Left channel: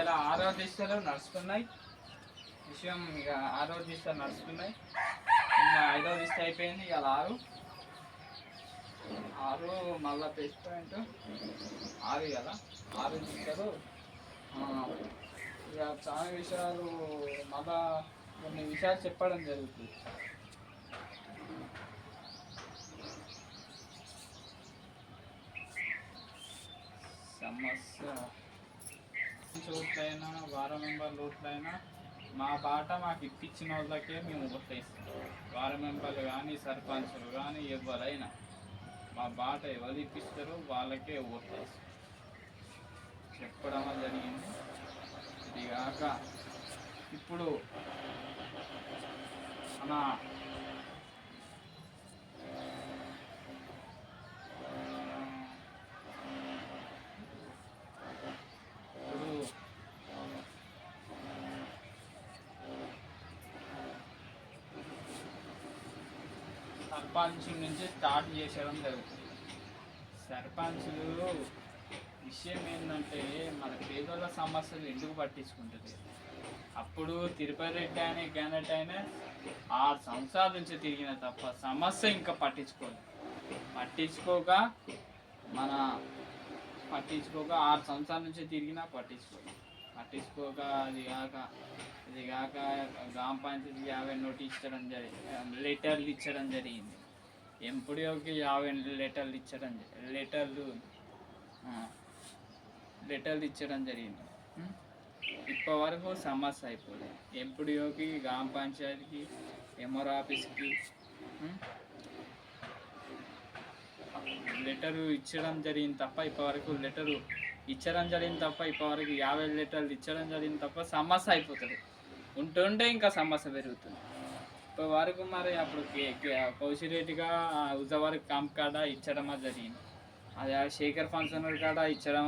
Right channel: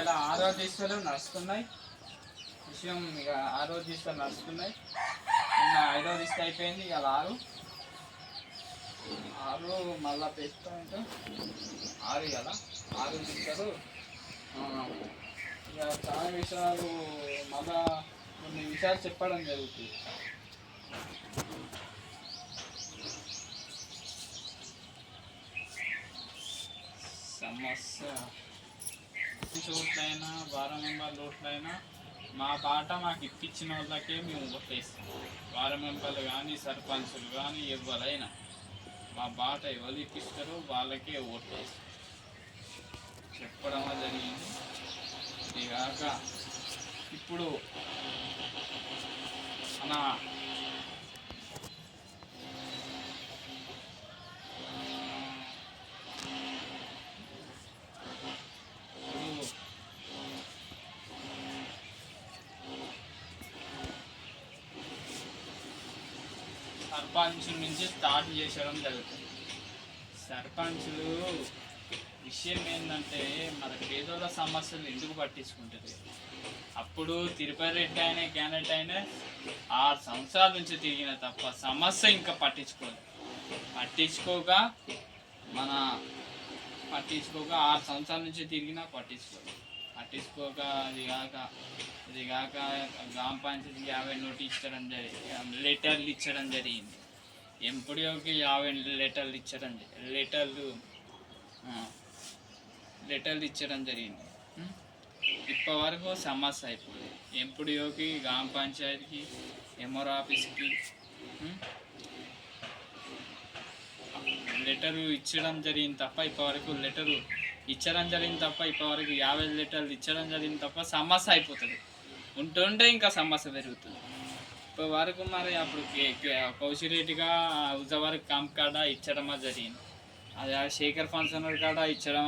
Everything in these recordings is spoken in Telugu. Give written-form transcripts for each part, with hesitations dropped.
ఇలా 6వ దిశలు నడుస్తున్నాయి విషయం. ఇక 6వ దిశలు నడుస్తున్నాయి. నిన్న 5వ దిశ అయిపోయింది. ఇక 6 మళ్ళా ప్లస్ పాయింట్ 6 కదా 6 దిశలు. ఇక చాలా విషయాలు మళ్ళా కొన్ని విషయాలు చెప్పడం జరుగుతుంది. సమస్య చోట్లైనా వారం మెంబర్ లోట్లైనా మా బాట మాకు ఇప్పించిన వాళ్ళకే మేము ఓట్లేస్తాం. వారం మెంబర్లు కానీ సర్పంచులు కానీ ఎవరైనా మా బాట ఎవరు ఇప్పిస్తారో వాళ్ళకే ఓట్లేస్తాం చెప్పడం జరిగింది. ఇది కాక ఇప్పుడు మన సర్పంచ్ నుంచి స్టార్ట్ చేసడం జరుగుతుంది. సర్పంచులు విషయం ఏంటంటే మన పేదోళ్ళ సమస్యలు ఎందుకు పట్టించుకుంటుంది. అప్పుడు తిరుపతి రెడ్డి అయినా క్యాండిడేట్ అయినా 6 సంవత్సరాల నుంచి తిరిగిన తప్ప సమస్య ఇంకా పట్టించుకోక 6 సంవత్సరాల నుంచి తిరిగినా పట్టించుకోక ఇది కాక గ్రామ పంచాయతీకి 50 నోటీస్ ఇచ్చడం జరిగింది, లెటర్లు ఇచ్చడం జరిగింది. ఎంపీడీఓకి 50 లెటర్లు ఇచ్చడం జరిగింది. ఇప్పటి వరకు సమస్య అయిపోయింది. ఎంపీడీఓకి, గ్రామ పంచాయతీకి, ఎంఆర్ ఆఫీస్కి లెటరు ఇచ్చడం జరిగింది తప్ప ఇప్పటివరకు 50 లెటర్లు ఇచ్చడం జరిగింది తప్ప సమస్య అయిపోతుంది. ఉంటుంటే ఇంకా సమస్య పెరుగుతుంది. ఇప్పటి వరకు మరి అప్పుడు కౌశిరెడ్డిగా హుజావర్ క్యాంప్ కాడ ఇచ్చడమా జరిగింది, అది శేఖర్ ఫంక్షన్ కాడ ఇచ్చడం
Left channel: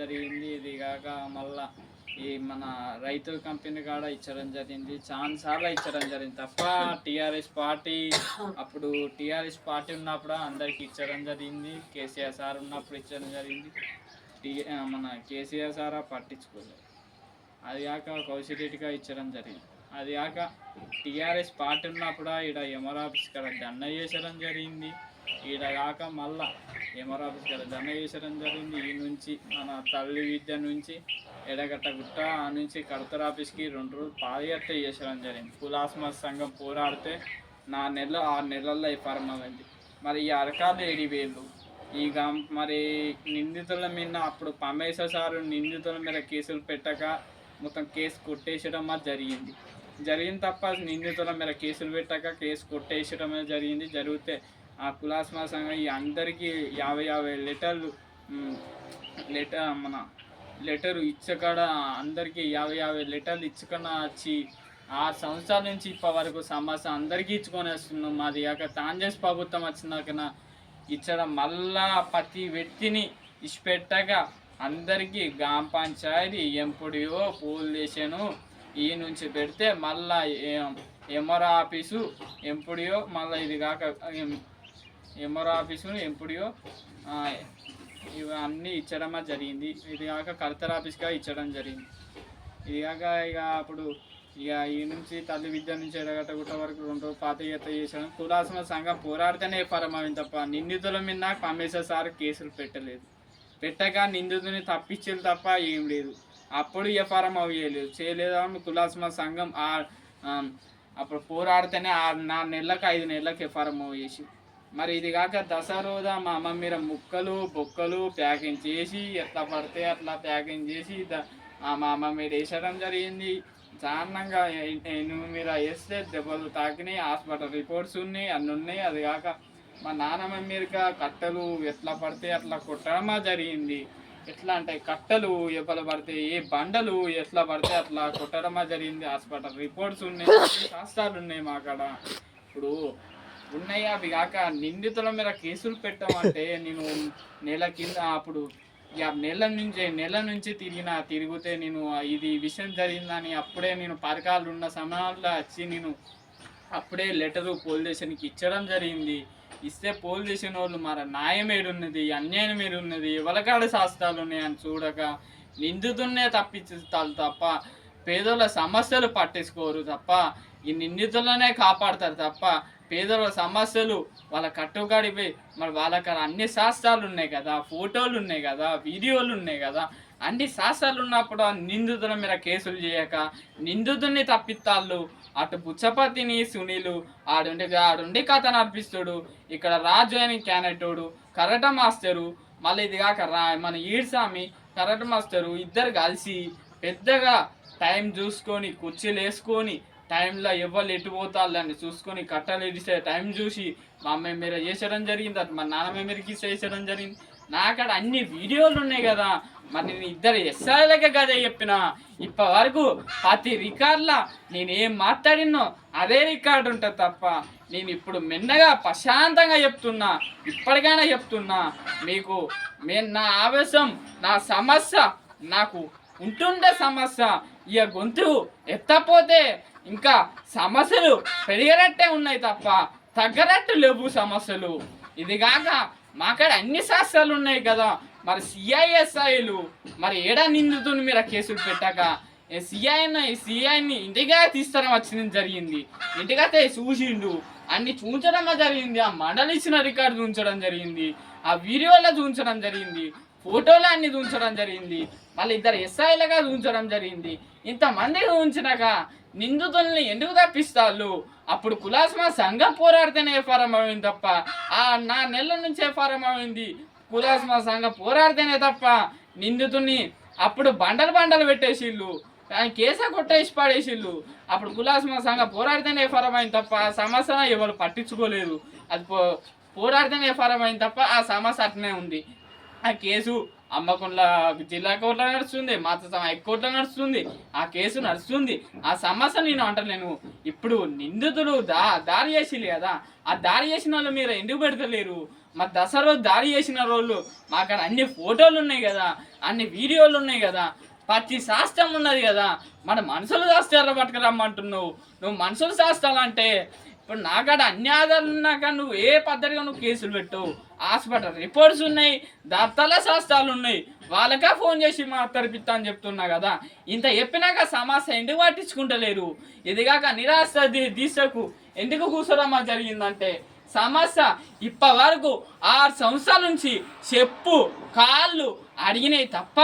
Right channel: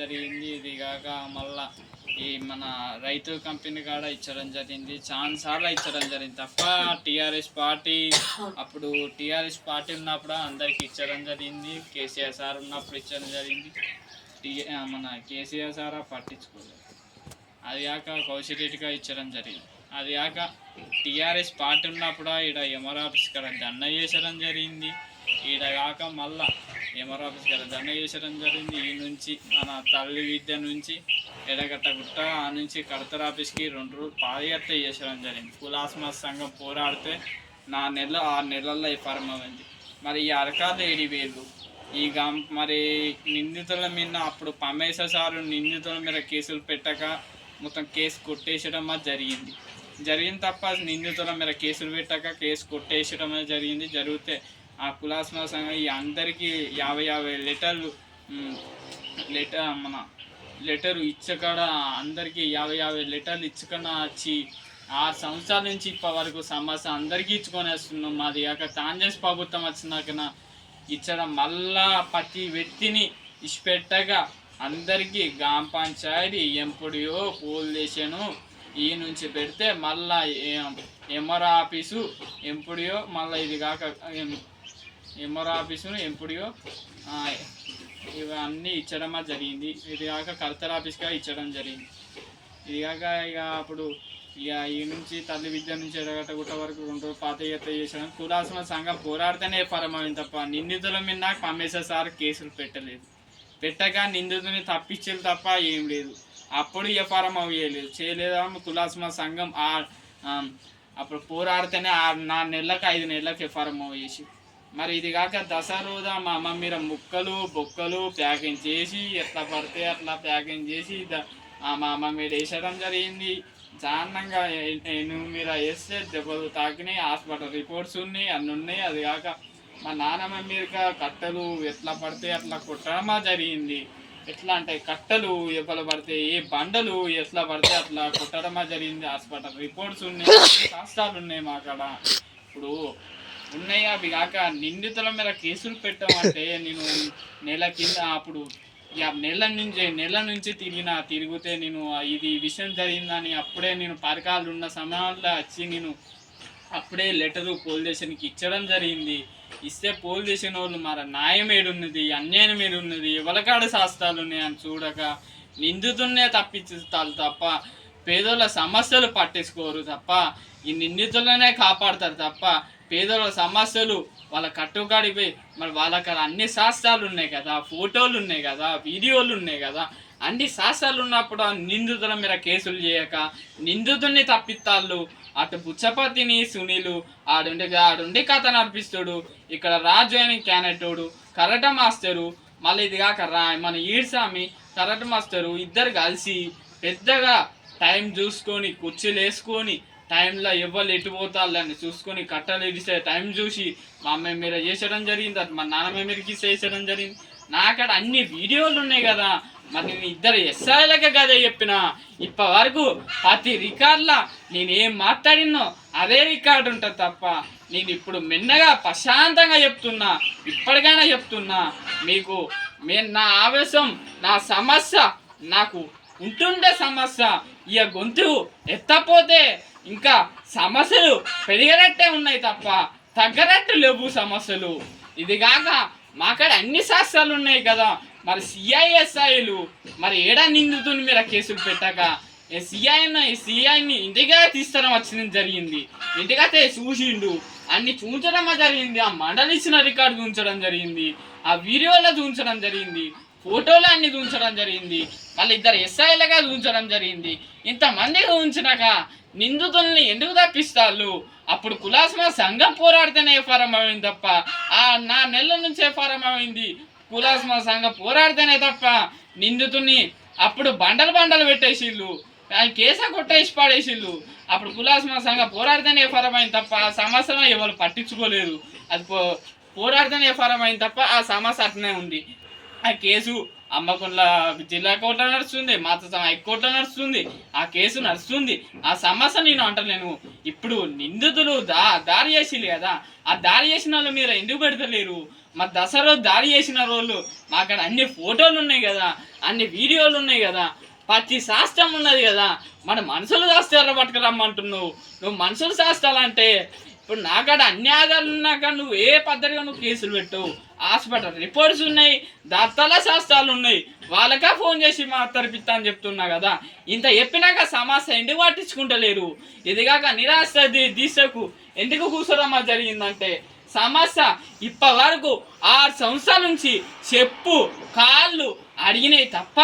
జరిగింది. ఇది కాక మళ్ళా ఈ మన రైతు కంపెనీ కాడ ఇచ్చడం జరిగింది. చాలాసార్లు ఇచ్చడం జరిగింది తప్ప టీఆర్ఎస్ పార్టీ ఉన్నప్పుడు అందరికి ఇచ్చడం జరిగింది. కేసీఆర్ సార్ ఉన్నప్పుడు ఇచ్చడం జరిగింది. మన కేసీఆర్ సార్ పట్టించుకోలేదు. అది కాక కౌశిరెడ్డిగా ఇచ్చడం జరిగింది. అది కాక టీఆర్ఎస్ పార్టీ ఉన్నప్పుడు ఈడ ఎంఆర్ ఆఫీస్ కాడ ధర్నా చేసడం జరిగింది. ఈడ కాక మళ్ళా ఎంఆర్ ఆఫీస్ కాడ ధర్నా చేసడం జరిగింది. ఈ నుంచి మన తల్లి విద్య నుంచి ఎడగట్టగుట్ట ఆ నుంచి కడతర్ ఆఫీస్కి 2 రోజులు పాదయాత్ర చేసడం జరిగింది. కులాస్మ సంఘం పోరాడితే 6 నెలల్లో ప్రారంభమైంది. మరి ఈ అరకాలు 7,000 మరి నిందితుల మీద అప్పుడు పమేశ్వర సారు నిందితుల మీద కేసులు పెట్టక మొత్తం కేసు కొట్టేసడం జరిగింది తప్ప నిందితుల మీద కేసులు పెట్టక కేసు కొట్టేసడం జరిగితే ఆ కులాస్మ సంఘం ఈ అందరికీ 50 లెటరు ఇచ్చకడ అందరికీ 50 లెటర్లు ఇచ్చుకన్నా వచ్చి 6 సంవత్సరాల నుంచి ఇప్పటి వరకు సమస్య అందరికీ ఇచ్చుకొని వస్తున్నాం. మాది కాక కాంగ్రెస్ ప్రభుత్వం వచ్చినాకన ఇచ్చడం మళ్ళా ప్రతి వ్యక్తిని ఇచ్చిపెట్టగా అందరికీ గ్రామ పంచాయతీ ఎంపీడీఓ పోలీస్ స్టేషను ఈ నుంచి పెడితే మళ్ళా ఎంఆర్ ఆఫీసు ఎంపీడీఓ మళ్ళీ ఇది కాక ఎంఆర్ ఆఫీసు ఎంపీడీఓ ఇవన్నీ ఇచ్చడం జరిగింది. ఇది కాక కలెక్టర్ ఆఫీస్గా ఇచ్చడం జరిగింది. ఇది కాక ఇక అప్పుడు ఈ నుంచి తల్లి విద్య నుంచి ఎడగట్టగుట్ట వరకు 2 రోజులు పాదయాత్ర చేసాను. కులాస్మ సంఘం పోరాడితేనే పరమైంది తప్ప నిందితుల మీద పమేశ్వర్ సార్ కేసులు పెట్టక నిందితుని తప్పించేది తప్ప ఏం లేదు. అప్పుడు ఎఫ్ఆర్ఎం చేయలేదు. కులాస్మ సంఘం అప్పుడు పోరాడితేనే 4 నెలలకు 5 నెలలకు ఎఫ్ఆర్ఎం చేసి మరి ఇది కాక దసరా మా అమ్మ మీద ముక్కలు బొక్కలు ప్యాకింగ్ చేసి ఎట్లా పడితే అట్లా ప్యాకింగ్ చేసి మా అమ్మ మీద వేసడం జరిగింది. దారుణంగా మీద వేస్తే దెబ్బలు తాకినాయి. హాస్పిటల్ రిపోర్ట్స్ ఉన్నాయి, అన్నీ ఉన్నాయి. అది కాక మా నాన్నమ్మ మీద కట్టెలు ఎట్లా పడితే అట్లా కొట్టడం జరిగింది. ఎట్లా అంటే కట్టెలు ఎప్పలు పడితే ఏ బండలు ఎట్లా పడితే అట్లా కొట్టడం జరిగింది. హాస్పిటల్ రిపోర్ట్స్ ఉన్నాయి, శాస్త్రాలు ఉన్నాయి మా కాడ ఇప్పుడు ఉన్నాయి. అవి కాక నిందితుల మీద కేసులు పెట్టమంటే నేను నెల కింద అప్పుడు నెల నుంచి తిరిగితే నేను ఇది విషయం జరిగిందని అప్పుడే నేను పరకాలు ఉన్న సమయాల్లో వచ్చి నేను అప్పుడే లెటరు పోలీస్ స్టేషన్కి ఇచ్చడం జరిగింది. ఇస్తే పోలీస్ స్టేషన్ వాళ్ళు మరి న్యాయం ఏడున్నది, అన్యాయం ఏడున్నది, ఎవరికాడ శాస్త్రాలు ఉన్నాయని చూడక నిందితున్నే తప్పించుతారు తప్ప పేదోళ్ళ సమస్యలు పట్టించుకోరు తప్ప ఈ నిందితులనే కాపాడతారు తప్ప పేదోళ్ళ సమస్యలు వాళ్ళ కట్టుకడిపోయి మరి వాళ్ళకి అన్ని శాస్త్రాలు ఉన్నాయి కదా, ఫోటోలు ఉన్నాయి కదా, వీడియోలు ఉన్నాయి కదా, అన్ని శాస్త్రాలు ఉన్నప్పుడు ఆ నిందితుల మీద కేసులు చేయక నిందితుడిని తప్పిస్తాళ్ళు. అటు బుచ్చపతిని సునీలు ఆడుండి కథ నడిపిస్తాడు. ఇక్కడ రాజు అని క్యానెటోడు కరాటే మాస్టరు, మళ్ళీ ఇది కాక మన ఈడ్సామి కరాటే మాస్టరు ఇద్దరు కలిసి పెద్దగా టైం చూసుకొని కుర్చీలు వేసుకొని టైంలో ఎవరు ఎటు పోతాళ్ళని చూసుకొని కట్టలు ఇడిసే టైం చూసి మా అమ్మాయి మీద చేసడం జరిగింది, అది మా నాన్నమ్మ మీదకి చేసడం జరిగింది. నాకడ అన్ని వీడియోలు ఉన్నాయి కదా, మరి నేను ఇద్దరు ఎస్ఐలకే కదే చెప్పిన. ఇప్పటి వరకు ప్రతి రికార్డులా నేను ఏం మాట్లాడినో అదే రికార్డు ఉంటుంది తప్ప నేను ఇప్పుడు మెన్నగా ప్రశాంతంగా చెప్తున్నా, ఇప్పటికైనా చెప్తున్నా మీకు. నా ఆవేశం, నా సమస్య నాకు ఉంటుండే సమస్య, ఇక గొంతు ఎత్తపోతే ఇంకా సమస్యలు పెరిగేటట్టే ఉన్నాయి తప్ప తగ్గరట్టు లేవు సమస్యలు. ఇది కాక మాకాడ అన్ని శాస్త్రాలు ఉన్నాయి కదా, మరి సిఐఎస్ఐలు మరి ఏడా నిందుతుని మీరు కేసులు పెట్టాక సిఐని ఇంటిగా తీస్తడం వచ్చింది జరిగింది. ఇంటికైతే చూసిండు, అన్ని చూంచడం జరిగింది, ఆ మండలి ఇచ్చిన రికార్డు చూంచడం జరిగింది, ఆ వీడియోలో చూంచడం జరిగింది, ఫోటోలు అన్ని చూంచడం జరిగింది, మళ్ళీ ఇద్దరు ఎస్ఐలుగా చూంచడం జరిగింది. ఇంతమందిగా ఉంచినాక నిందితుల్ని ఎందుకు తప్పిస్తాళ్ళు? అప్పుడు కులాస్మా సంఘం పోరాడితేనే ఎఫ్ఆర్ఎం అయింది తప్ప నా నెలల నుంచి ఎఫ్ఆర్ఎం అయింది. కులాస్మా సంఘం పోరాడితేనే తప్ప నిందితుని అప్పుడు బండలు పెట్టేసిళ్ళు, కేసా కొట్టేసి పాడేసిళ్ళు. అప్పుడు కులాస్మా సంఘం పోరాడితేనే ఎఫ్ఆర్ఎం అయింది తప్ప ఆ సమస్యను ఎవరు పట్టించుకోలేదు. అది పోరాడితేనే ఎఫ్ఆర్ఎం అయింది తప్ప ఆ సమస్య అట్నే ఉంది. ఆ కేసు అమ్మకొండల జిల్లా కోర్టులో నడుస్తుంది, మాత హైకోర్టులో నడుస్తుంది, ఆ కేసు నడుస్తుంది. ఆ సమస్య నేను అంటలేను. ఇప్పుడు నిందితులు దారి చేసిరు కదా, ఆ దారి చేసిన వాళ్ళు మీరు ఎందుకు పెడతలేరు? మరి దసరా రోజు దారి చేసిన రోజులు మాకు అన్ని ఫోటోలు ఉన్నాయి కదా, అన్ని వీడియోలు ఉన్నాయి కదా, ప్రతి శాస్త్రం ఉన్నది కదా. మన మనుషులు శాస్త్రాలు పట్టుకురమ్మంటున్నావు. నువ్వు మనుషులు శాస్త్రాలంటే ఇప్పుడు నాకాడ అన్ని ఆధారాలు ఉన్నాక నువ్వు ఏ పద్ధతిగా నువ్వు కేసులు పెట్టు. హాస్పిటల్ రిపోర్ట్స్ ఉన్నాయి, దత్తల శాస్త్రాలు ఉన్నాయి, వాళ్ళకా ఫోన్ చేసి తరపిస్తా అని చెప్తున్నా కదా. ఇంత చెప్పినాక సమస్య ఎందుకు పట్టించుకుంటలేరు? ఇదిగాక నిరాశ దీక్షకు ఎందుకు కూర్చోరమ్మా జరిగిందంటే సమస్య ఇప్పటి వరకు 6 సంవత్సరాల నుంచి చెప్పు కాళ్ళు అడిగినాయి తప్ప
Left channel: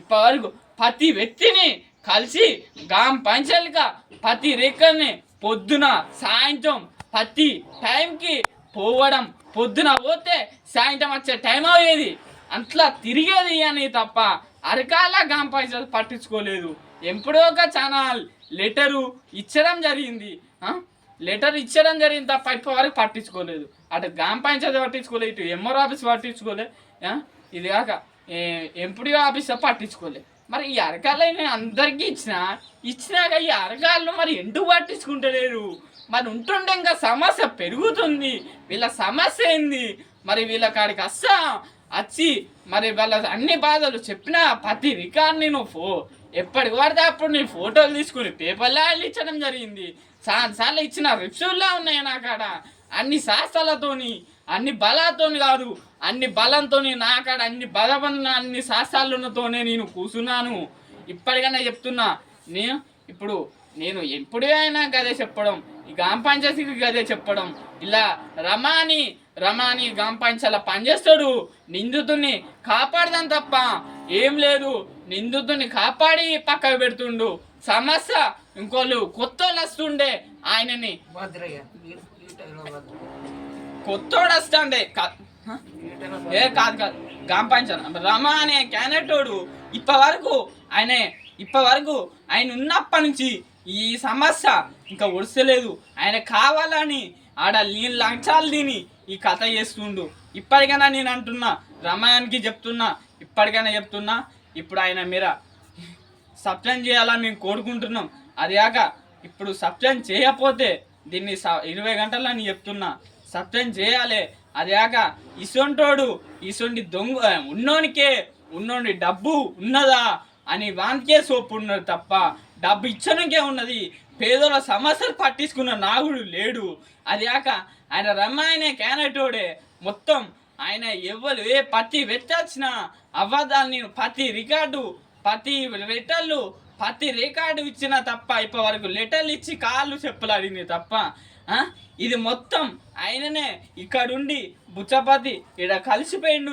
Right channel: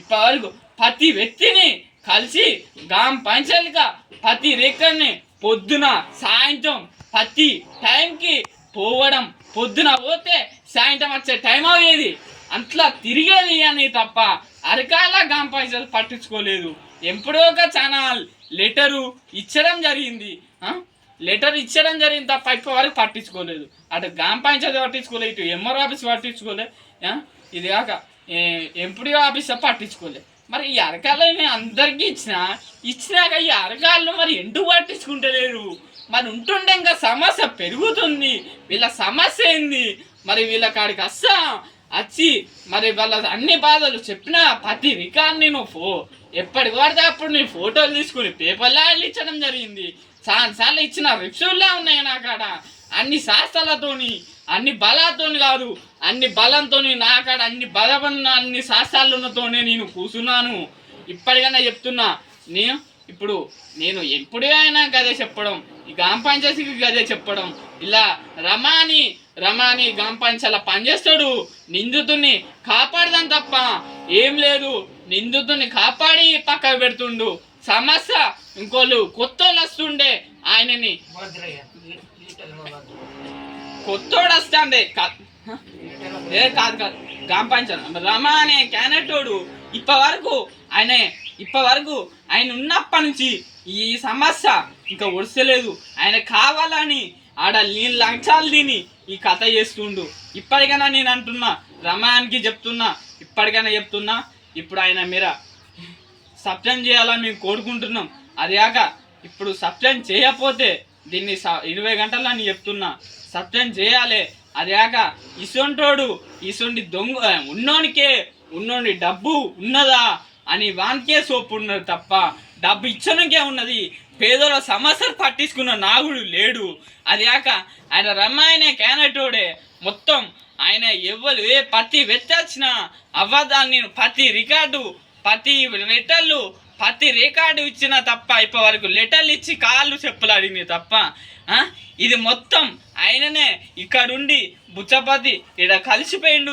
ఇప్పటి వరకు ప్రతి వ్యక్తిని కలిసి గ్రామ పంచాయతీగా ప్రతి రేఖని పొద్దున సాయంత్రం ప్రతి టైంకి పోవడం, పొద్దున పోతే సాయంత్రం వచ్చే టైం అయ్యేది, అట్లా తిరిగేది అని తప్ప అరకాల గ్రామ పంచాయతీ పట్టించుకోలేదు. ఎప్పుడో ఒక ఛానల్ లెటరు ఇచ్చడం జరిగింది తప్ప ఇప్పటి వరకు పట్టించుకోలేదు. అటు గ్రామ పంచాయతీ పట్టించుకోలేదు, ఇటు ఎంఆర్ ఆఫీస్ పట్టించుకోలేదు, ఇది కాక ఎంపీడీ ఆఫీస్ పట్టించుకోలేదు. మరి ఈ అరకాలని అందరికీ ఇచ్చినాక ఈ అరకాలను మరి ఎందుకు పట్టించుకుంటలేరు? మరి ఉంటుండే ఇంకా సమస్య పెరుగుతుంది. వీళ్ళ సమస్య ఏంది? మరి వీళ్ళ కాడికి వచ్చి మరి వాళ్ళ అన్ని బాధలు చెప్పిన ప్రతి రికార్డ్ని నువ్వు ఎప్పటికి పడితే అప్పుడు నీ ఫోటోలు తీసుకుని పేపర్లో ఇచ్చడం జరిగింది. చాలాసార్లు ఇచ్చిన రిప్సుల్లా ఉన్నాయి నా కాడ. అన్ని శాస్త్రాలతోని అన్ని బలాతోని కాదు, అన్ని బలంతో నా కాడ అన్ని బలపడిన అన్ని శాస్త్రాలతోనే నేను కూర్చున్నాను. ఇప్పటికైనా చెప్తున్నా, నేను ఎప్పుడైనా గదే చెప్పడం, ఈ గ్రామ పంచాయతీకి గదే చెప్పడం. ఇలా రమాని గ్రామ పంచాయతీలో పనిచేస్తాడు, నిందితుడిని కాపాడదాం తప్ప ఏం లేదు. నిందితుడిని కాపాడి పక్కకు పెడుతుండు. సమస్య ఇంకోళ్ళు కొత్తోళ్ళు వస్తుండే, ఆయనని కొత్తోడు వస్తాండే కాదు గ్రామ పంచాయతీ రమా అనే క్యానెటోడు ఇప్పటి వరకు ఆయన ఉన్నప్పటి నుంచి ఈ సమస్య ఇంకా ఒడిసలేదు. ఆయన కావాలని ఆడ నీళ్ళు లంచాలు తిని ఈ కథ చేస్తుండు. ఇప్పటికైనా నేను అంటున్నా, రమాయానికి చెప్తున్నా, ఇప్పటికైనా చెప్తున్నా, ఇప్పుడు ఆయన మీరు సస్పెండ్ చేయాలని మేము కోరుకుంటున్నాం. అది కాక ఇప్పుడు సస్పెండ్ చేయకపోతే దీన్ని 20 గంటల్లో నేను చెప్తున్నా, సస్పెండ్ చేయాలి. అది కాక ఇసొంటి దొంగ ఉన్నోని డబ్బు ఉన్నదా అని వానికే సోపు ఉన్నది తప్ప డబ్బు ఇచ్చడానికే ఉన్నది. పేదల సమస్యలు పట్టించుకున్న నాగుడు లేడు. అది కాక ఆయన రమ్మాయనే క్యానెటోడే మొత్తం. ఆయన ప్రతి వ్యక్తి వచ్చిన అవ్వదాన్ని ప్రతి రికార్డు ప్రతి లెటర్లు ప్రతి రికార్డు ఇచ్చిన తప్ప ఇప్పటి వరకు లెటర్లు ఇచ్చి కాళ్ళు చెప్పులు అడిగినాయి తప్ప ఇది మొత్తం ఆయననే ఇక్కడుండి బుచ్చపతి ఇలా కలిసిపోయిండు.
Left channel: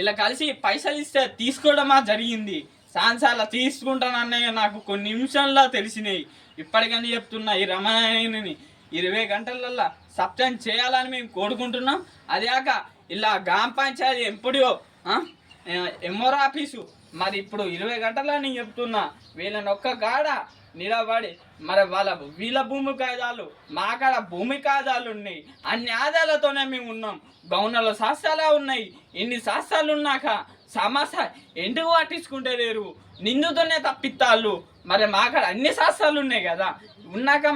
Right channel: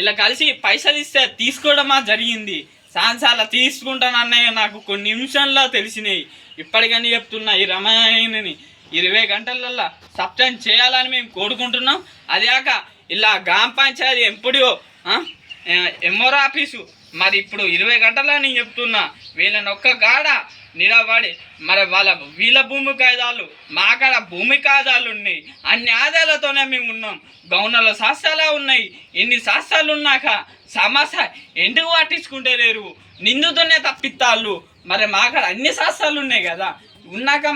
ఇలా కలిసి పైసలు ఇస్తే తీసుకోవడమా జరిగింది. సాన్సార్లు తీసుకుంటాను అన్నయ్య నాకు కొన్ని నిమిషాల్లో తెలిసినాయి. ఇప్పటికని చెప్తున్నా ఈ రమాయణని 20 గంటలల్లో సబ్స్టెన్స్ చేయాలని మేము కోరుకుంటున్నాం. అదాక ఇలా గ్రామ పంచాయతీ ఎంపీడీఓ ఎంఆర్ ఆఫీసు మరి ఇప్పుడు 20 గంటల్లో నేను చెప్తున్నా వీళ్ళని ఒక్క గాడ నిలబడి మరి వీళ్ళ భూమి కాయిదాలు మా కాడ భూమి కాయిదాలు ఉన్నాయి. అన్ని ఆదాయాలతోనే మేము ఉన్నాం. గౌనల శాస్త్రాలే ఉన్నాయి. ఇన్ని శాస్త్రాలు ఉన్నాక సమస్య ఎందుకు పట్టించుకుంటే లేరు, నిందుతోనే తప్పిస్తాళ్ళు. మరి మా కాడ అన్ని శాస్త్రాలు ఉన్నాయి కదా, ఉన్నాక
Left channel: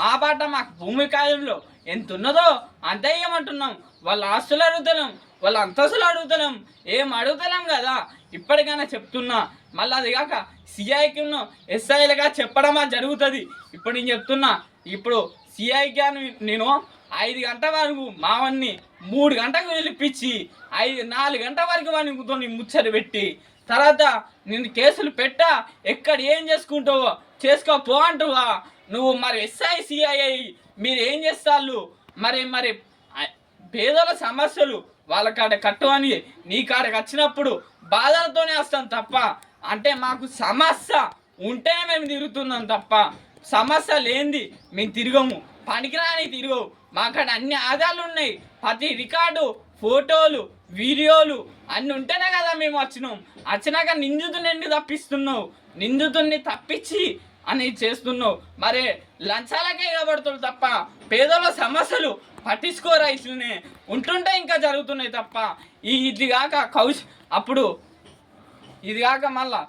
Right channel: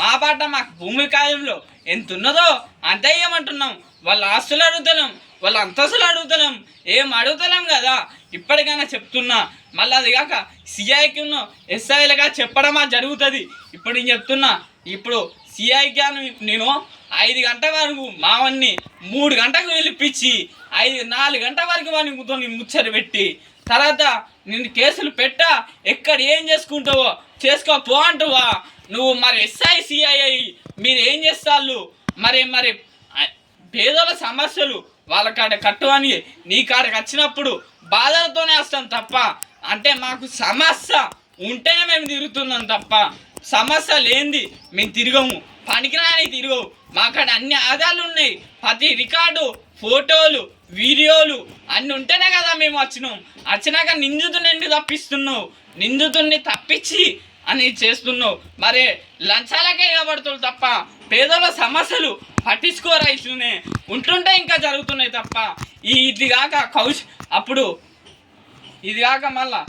మా పాట మాకు భూమి కాయంలో ఎంత ఉన్నదో అంత ఏమంటున్నాం. వాళ్ళ ఆస్తులు అడుగుతున్నాం, వాళ్ళ అంతస్తులు అడుగుతున్నాం, ఏం అడుగుతున్నాం కదా. ఇప్పటికైనా చెప్తున్నా. మళ్ళీ అది కాక సిఐకి ఎస్ఐలుగా చెప్పడమా జరుగుతుంది. ఇప్పుడు నేను చెప్తున్నా. ఇప్పుడు సిఐకి నేను 5 గంటల వరకు మావన్ని 3 గంటలకు పిలిపించి 4 గంటల వరకు వాడిని ముచ్చట పెట్టి తర్వాత నేను కేసులు పెట్టా ఎక్కడ ఏం చేసుకుంటావో చేసుకోపో అంటువా నువ్వు. మరి ఎస్ఐ సిఐ మీరు ఏం చేస్తాళ్ళు? మరి పేదల సమస్యలు వాళ్ళ కాడ కట్టు అని నీ కాడకి వచ్చినప్పుడు బాధలతోనే వస్తాం తప్ప అంటే మాకు సమస్య ఉంటేనే మేము తిరుగుతున్నాం తప్ప సమస్య లేనిది మేము తిరగము. పనికిరాని తిరగవు. మా కాడ అన్ని ఆధారాలు ఉన్నాయి. ప్రతి రికార్డు ఫోటోలు వీడియోలు అన్నీ ఉంటేనే కదా మేము వచ్చినాక నిందితుని తప్పిస్తున్నావు, నిందితుడిని తప్పించి అని చేస్తున్నావు. మరి లంచాలకే ఇవ్వబడుతుంది తప్ప పేదల సమస్యలు పట్టించుకోరా. ఇట్లనే ఉంటుంటే ఇంకా జరుగుతున్నాయి తప్ప ఇది కాక అప్పుడు ఇది కాక మళ్ళా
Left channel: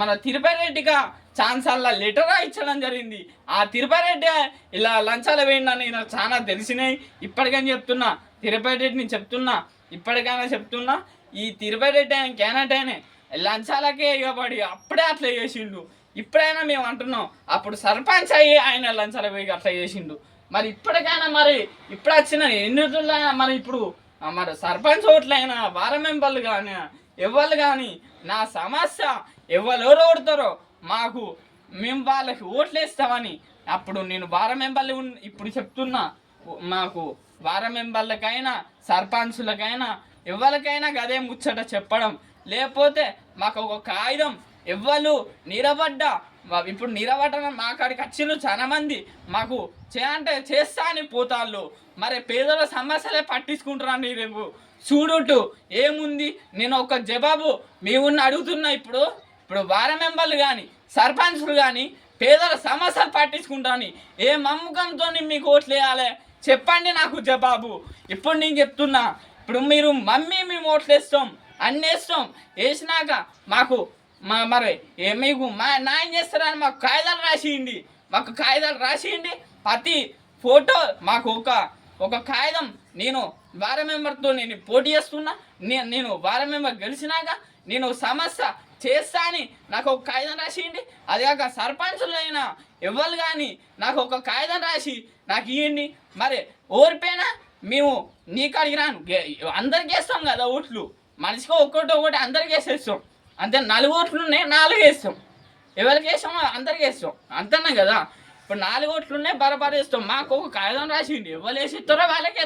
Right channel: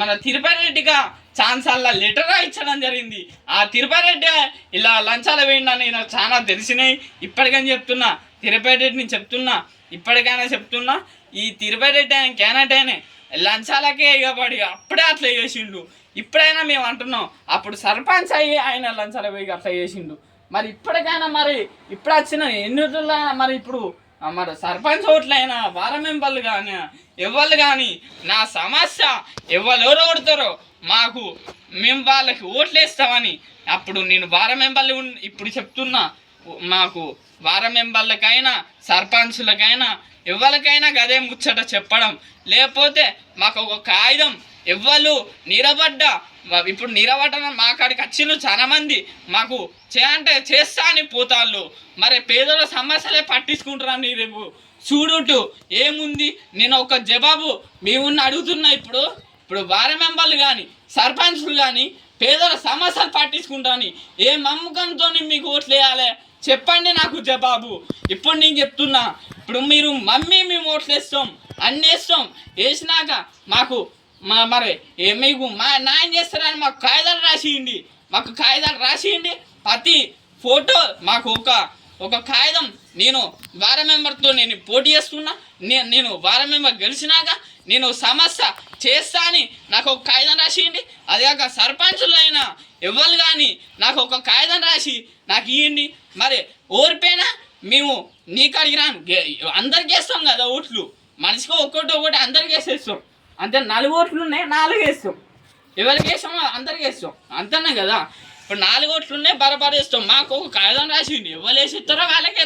మన తిరుపతి రెడ్డిగా ఛాన్సల్లా లెటర్ ఇచ్చడం జరిగింది. ఆ తిరుపతి రెడ్డి ఇలా లంచాలు వేయండి నాకు చాలా తెలిసినాయి. ఇప్పటికని చెప్తున్నా తిరుపతి రెడ్డిని చెప్తున్నా, ఇప్పటికైనా చెప్తున్నా. ఈ తిరుపతి రెడ్డి ఆయన క్యానటైనే లంచాలకే ఇవ్వబడి అప్పుడే అట్లా చేసిండు. ఇప్పుడైనా మేము అంటున్నాం అప్పుడు సర్పంచ్ అయ్యి ఆయన లంచాల వేగి అట్లా చేసిండు. మరి ఇప్పటికైనా మరి ఇప్పుడు వచ్చిన ఎన్నికల్లో మరి ఇప్పుడు మరి సర్పంచ్ ఓట్లైనా వారం మెంబర్లు కానీ ఎవరు కానీ నా సమస్య ఎవరెవరు ఓడతారో మేము వాళ్ళకి ఓట్లు వేస్తామని అప్పుడు నేను వారం మెంబర్లు ఇప్పుడు చెప్తున్నా. మాకు వారం మెంబర్లకైనా సర్పంచులకైనా ఎవరికైనా గదే ముచ్చట చెప్పడం. లేకపోతే మాకు ఒక కాగితం ఎవ్వరు నిలబడ్డా ఇప్పుడు నిలబడ్డ మా కాడికి వచ్చిన చాలా మంది మాకు చేస్తా అని పోతాళ్ళు. మరి పేదల సమస్యలే పట్టించుకుంటారని రేపు చూడుట్టు ఏముంది. నేను ఒక జవాబు మేము అడుగుతున్నా. ఇప్పుడు వారం మెంబర్లు కానీ సర్పంచులు కానీ పేదల సమస్యలు పట్టించుకుంటాని ఏ నమ్మకంతో మీకు ఓట్లు వేయాలి చెప్పండి నాకు జవాబు. ఇప్పుడు నేను చెప్తున్నా. ఇప్పుడు మీరు మేము ఓట్లు వేస్తాం అన్నీ వేస్తాం. వేసినాక మాకు మరి మీకు న్యాయం చేస్తారని మాకు కాగితాలు రాసియండి. ప్రతి ఫోటో మాకు ఒక కాగితం నేను వారం మెంబర్తో నేను పోటీ చేస్తున్నా. నేను వారం మెంబర్ గెలిచినాక నేను సమస్య చేస్తా అని నాకు ఒక కాగితం రాసియండి. అదేకాక సర్పంచులు అయినా ఎవరు కానీ నాకు ఒక కాగితం రాసి నాకు ఇవ్వండి. మరి ఓరిపోయినా మేము నీకు అడిగిరాను అందరికి వేస్తాం కదా ఓట్లు. మనిషికి ఒకటి అందరికి వేసేస్తాం. అంతే 4 ఓట్లు ఉన్నాయి 4 వేస్తాం. ఎవరికి వేస్తామో అందరికి వేస్తాం అంతనే కదా. ఇప్పుడు 4 ఓట్లు ఉన్నాయి బరాబర్ వేస్తాం. మాకు ఒక కాగితం రాసిండి ఎవరు వేసి ఇస్తారో వాళ్ళకే